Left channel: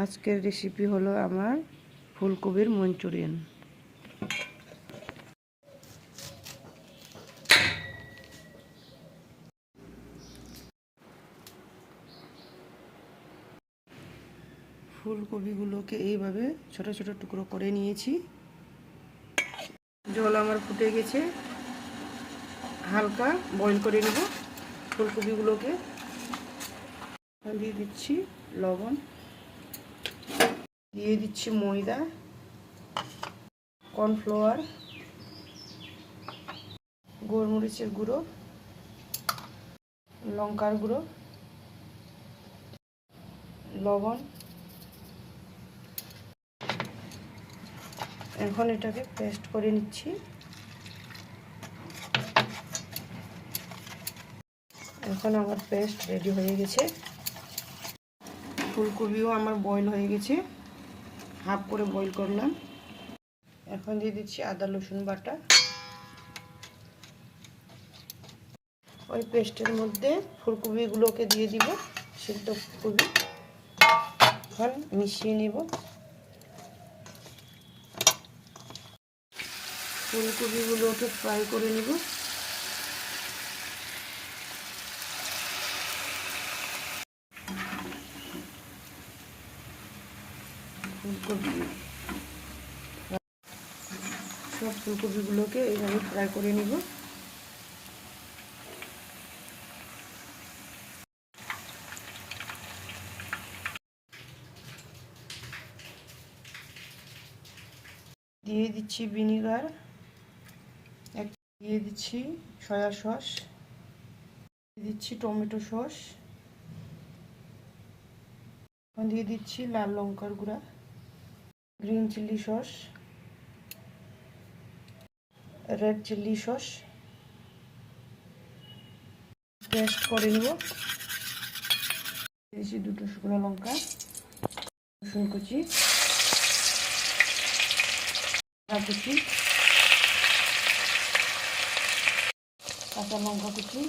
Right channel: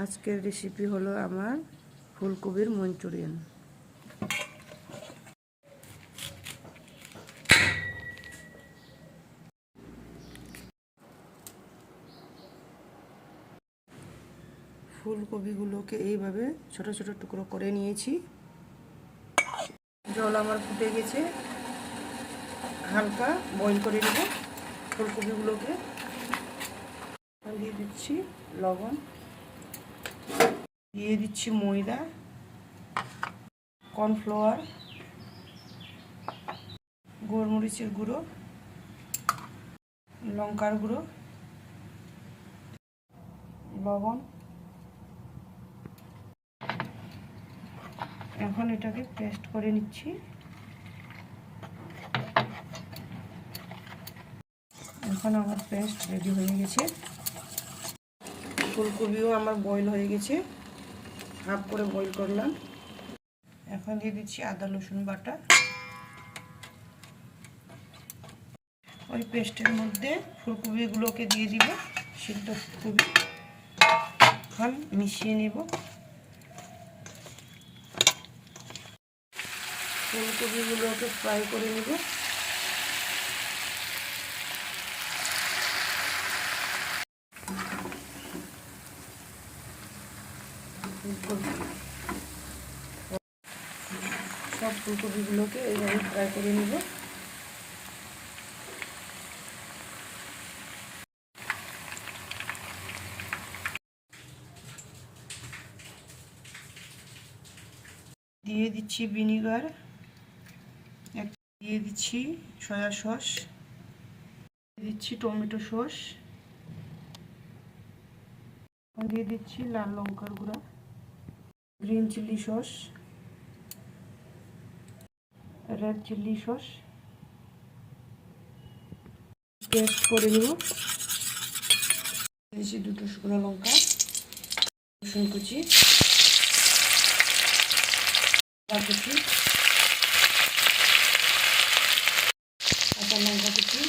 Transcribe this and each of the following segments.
আজকের রেসিপি হলো আমার ফুলকপির মঞ্চুরিয়ান। ফুলকপিগুলোকে এইভাবে ছোট ছোট টুকরো করে নিয়েছি। জল আমার ফুটে গেছে, হালকা বয়েল করে নেব। ফুলকপিগুলোকে দিয়ে দিচ্ছি লবণ, দিয়ে দিচ্ছি ময়দা, কর্নফ্লাওয়ার, গোলমরিচের গুঁড়ো, লঙ্কার গুঁড়ো, লবণ। এখন এটাকে পেস্ট করে নিচ্ছি। এখন আমার পেস্ট রেডি হয়ে গেছে। ফুলকপিও আমার বয়েল হয়ে গেছে, হাফ করে বয়েল করলাম। এখন দিয়ে দিচ্ছি আদা রসুন বাটা। ওই পেস্টের মধ্যে ফুলকপিগুলোকে দিয়ে দিব, সিদ্ধ ফুলকপি। এখন মিশিয়ে নেব। ফুলকপিগুলোকে ফ্রাই করে নেব। সব ফুলকপিগুলোকে এইভাবে ফ্রাই করে নেব। দিয়ে দিচ্ছি ভিনিগার, দিয়ে দিচ্ছি সয়া সস, দিয়ে দিচ্ছি টমেটো সস, দিয়ে দিচ্ছি লাল লঙ্কার গুঁড়া, green chilli sauce, red chilli sauce. Paste করে নেব। দিয়েছি দুটো শুকনো লঙ্কা, রসুন কুচি, আদা কুচি, কাঁচা লঙ্কা কুচি,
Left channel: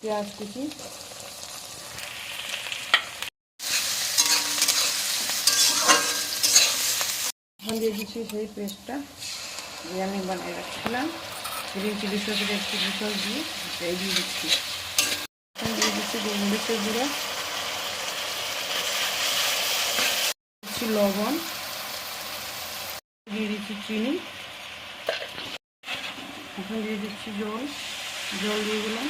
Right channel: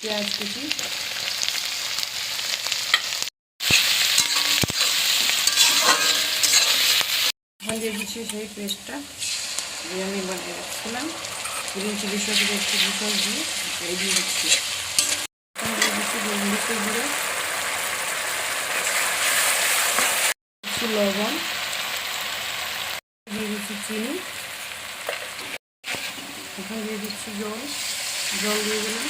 পেঁয়াজ কুচি, দিয়ে দিচ্ছি সেই পেস্টটা দিয়ে আমি বানিয়ে রাখছিলাম। Green chilli sauce, red chilli sauce দিয়ে দিয়ে দিচ্ছি। দিয়ে দিচ্ছি গোলমরিচের গুঁড়ো, দিচ্ছি লবণ, দিয়ে দিচ্ছি চিনি। এখন দিয়ে দিচ্ছি জল দিয়ে দিলাম।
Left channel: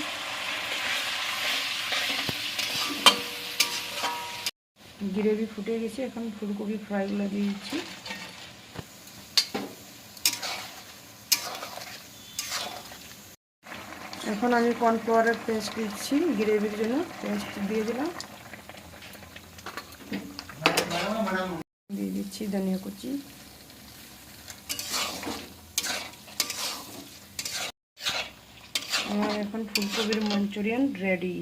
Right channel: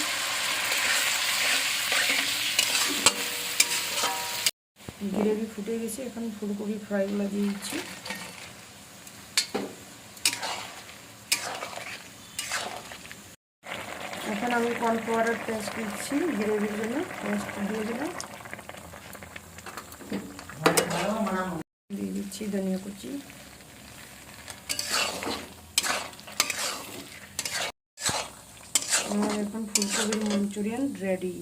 গ্রেভি ফুটে গেছে। এখন ফুলকপি ফ্রাইগুলো দিয়ে দিচ্ছি। এখন আমি কর্নফ্লাওয়ারের পেস্ট দিচ্ছি, গ্রেভির জন্য পেস্ট দিয়ে দিলাম। দিয়ে দিচ্ছি ধনিয়া কুচি। আমার এখন ফুলকপির মঞ্চুরিয়ান রেডি।